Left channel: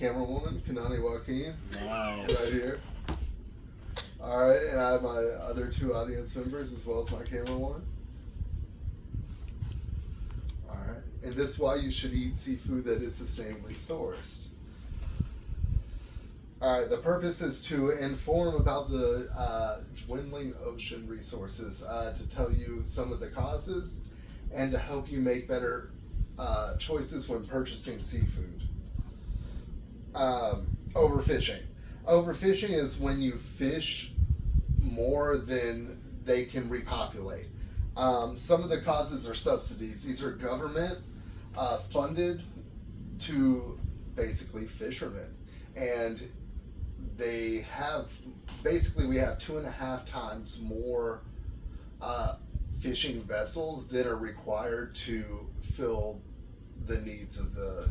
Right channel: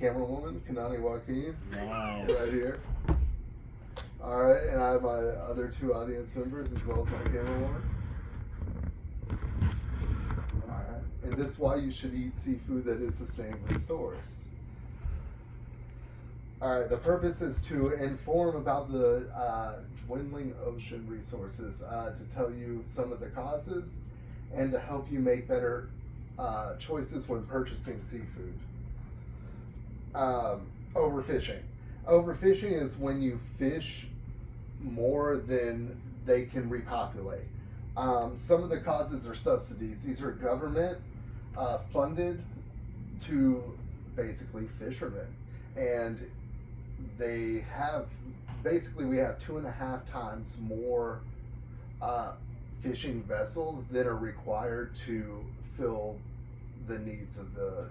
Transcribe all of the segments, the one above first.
camerawoman, Kanani Joaquin. Nice. Right here. Alright, and I have my other two audience members as well as my camerawoman. Alright, and this is why you should eat seafood that is sustainably sourced. Alright, the purpose is to inform about the dwindling ocean resources, to tell you some of the causes, and to help you make better choices when purchasing seafood. Overfishing. Overfishing is when you fish more than they can repopulate. Some of the causes are subsidies. These are government funded to basically fishermen. And they have, basically we have 2.5 times more fishing vessels that are required to fill the needs of the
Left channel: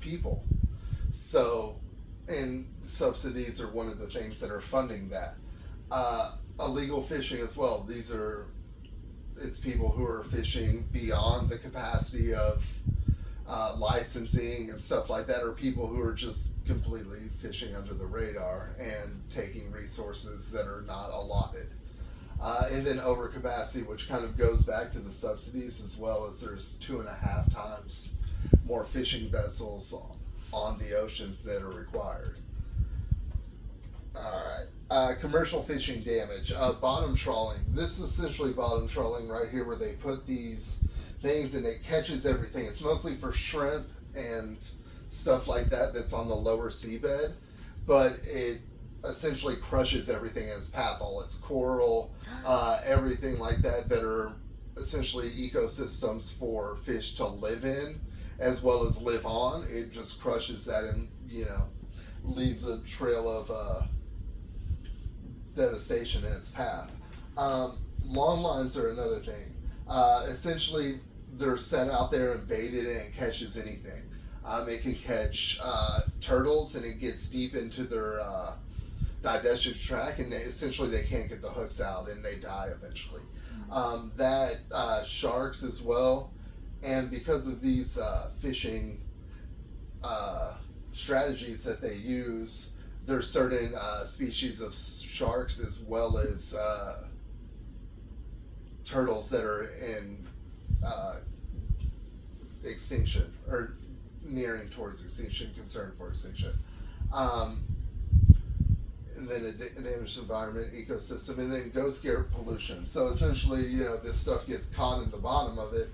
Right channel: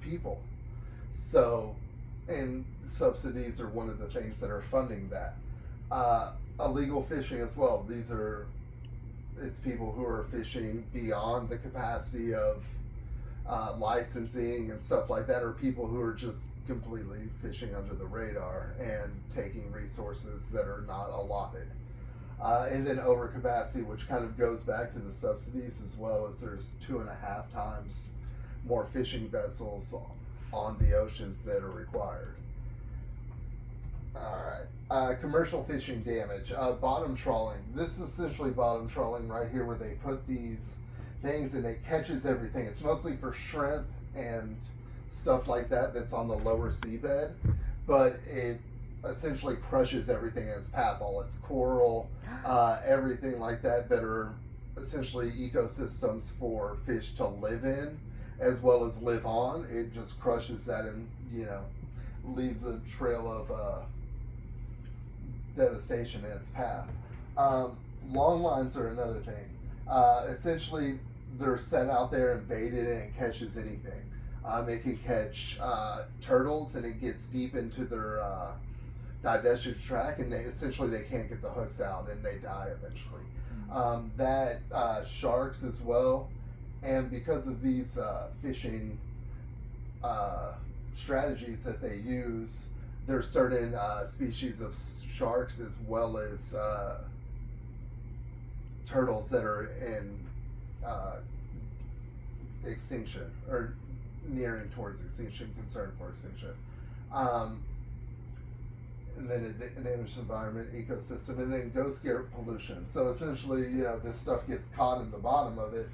people. So, and subsidies are one of the things that are funding that. Illegal fishing as well. It's people who are fishing beyond the capacity of licensing and stuff like that, or people who are just completely fishing under the radar and taking resources that are not allotted. And then overcapacity, which kind of goes back to the subsidies, as well as there's 2.5 times more fishing vessels on the oceans that are required. Alright, commercial fishing damage. Bottom trawling. This is essentially bottom trawling right here, where they put these things and it catches everything. It's mostly for shrimp and stuff like that that's on the lower seabed, but it essentially crushes everything in its path, all its coral, everything like that are essentially ecosystems for fish to live in as well as live on. It just crushes that and, leaves a trail of devastation in its path. Long lines are another thing. Essentially, they're set out there and baited and it catches anything. It can catch turtles, and it gets deep into their digestive tract, and essentially they can't get the hooks out and they die eventually. Sharks as well, and because of these fishing strategies that they use, there's certain species of sharks as well as turtles that are in extinction or nearing towards extinction, concern for extinction. And then a damaged environment, ecosystem, and then ghost gear pollution. So essentially, this stuff gets caught in the bottom of it.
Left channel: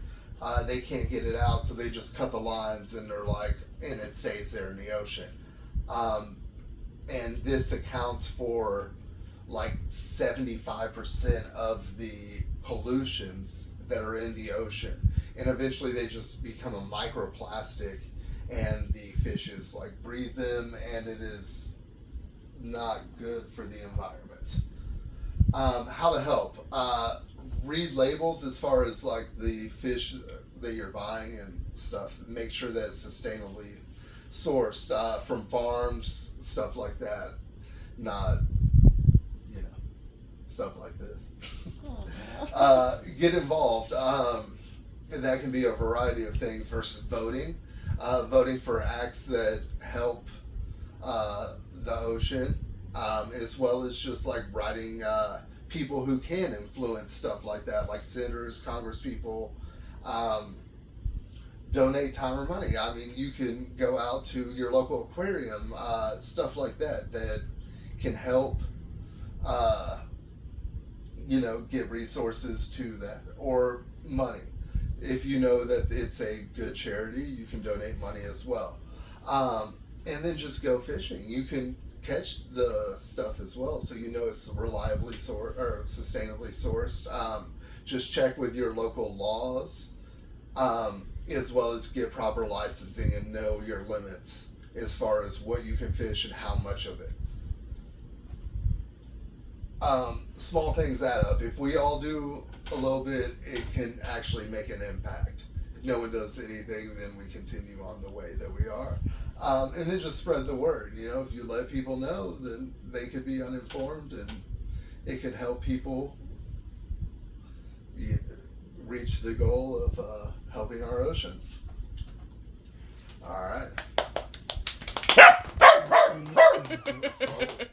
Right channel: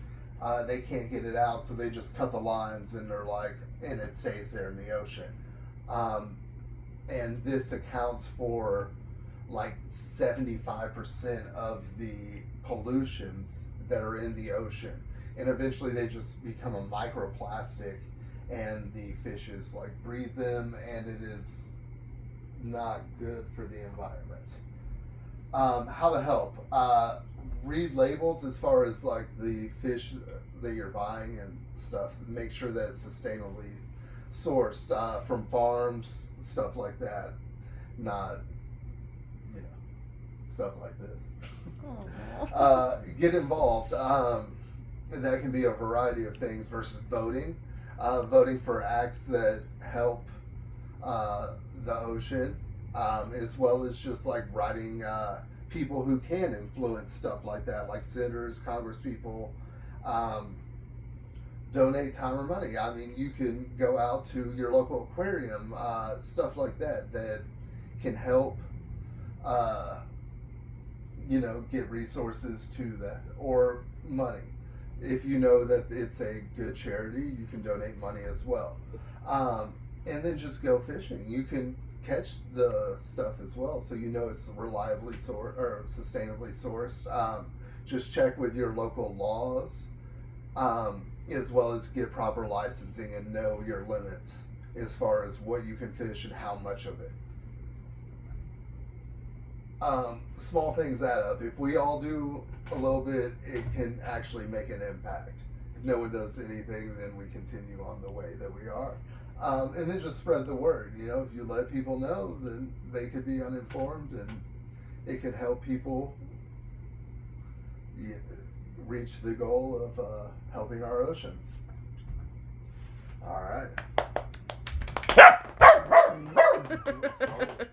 They can't get it out, so they just cut the lines and and it stays there in the ocean. And this accounts for 75% of the pollutions that are in the ocean. And eventually they just become a microplastic, and the fishes breathe them, and it is not good for the environment. How to help? Read labels as far as the fish that you're buying and stuff. Make sure that it's sustainably sourced from farms, stuff like that. Not, stuff like this. Get involved. And that can be a variety of things versus voting. Voting for acts that help the ocean, as well as just writing people who can influence stuff like that, like senators, congresspeople. Donate time or money. I mean, you can go out to your local aquarium, stuff like that can help, give resources to that, or money. If you know that it's a good charity, you can donate money as well. And then just go fishing. You can catch the stuff as well, so it's reliably sourced or sustainably sourced. Just check with your local laws, as well as get proper licensing and know your limits as far as what you can fish and how much of it. Small things add up. If we all do a little bit, it can actually make an impact. If no one does anything, then we continue on the way that we are. And then just spread the word. If you let people know, then they could be uninformed, and it could help people reach the goal of helping our oceans. All right. What's wrong?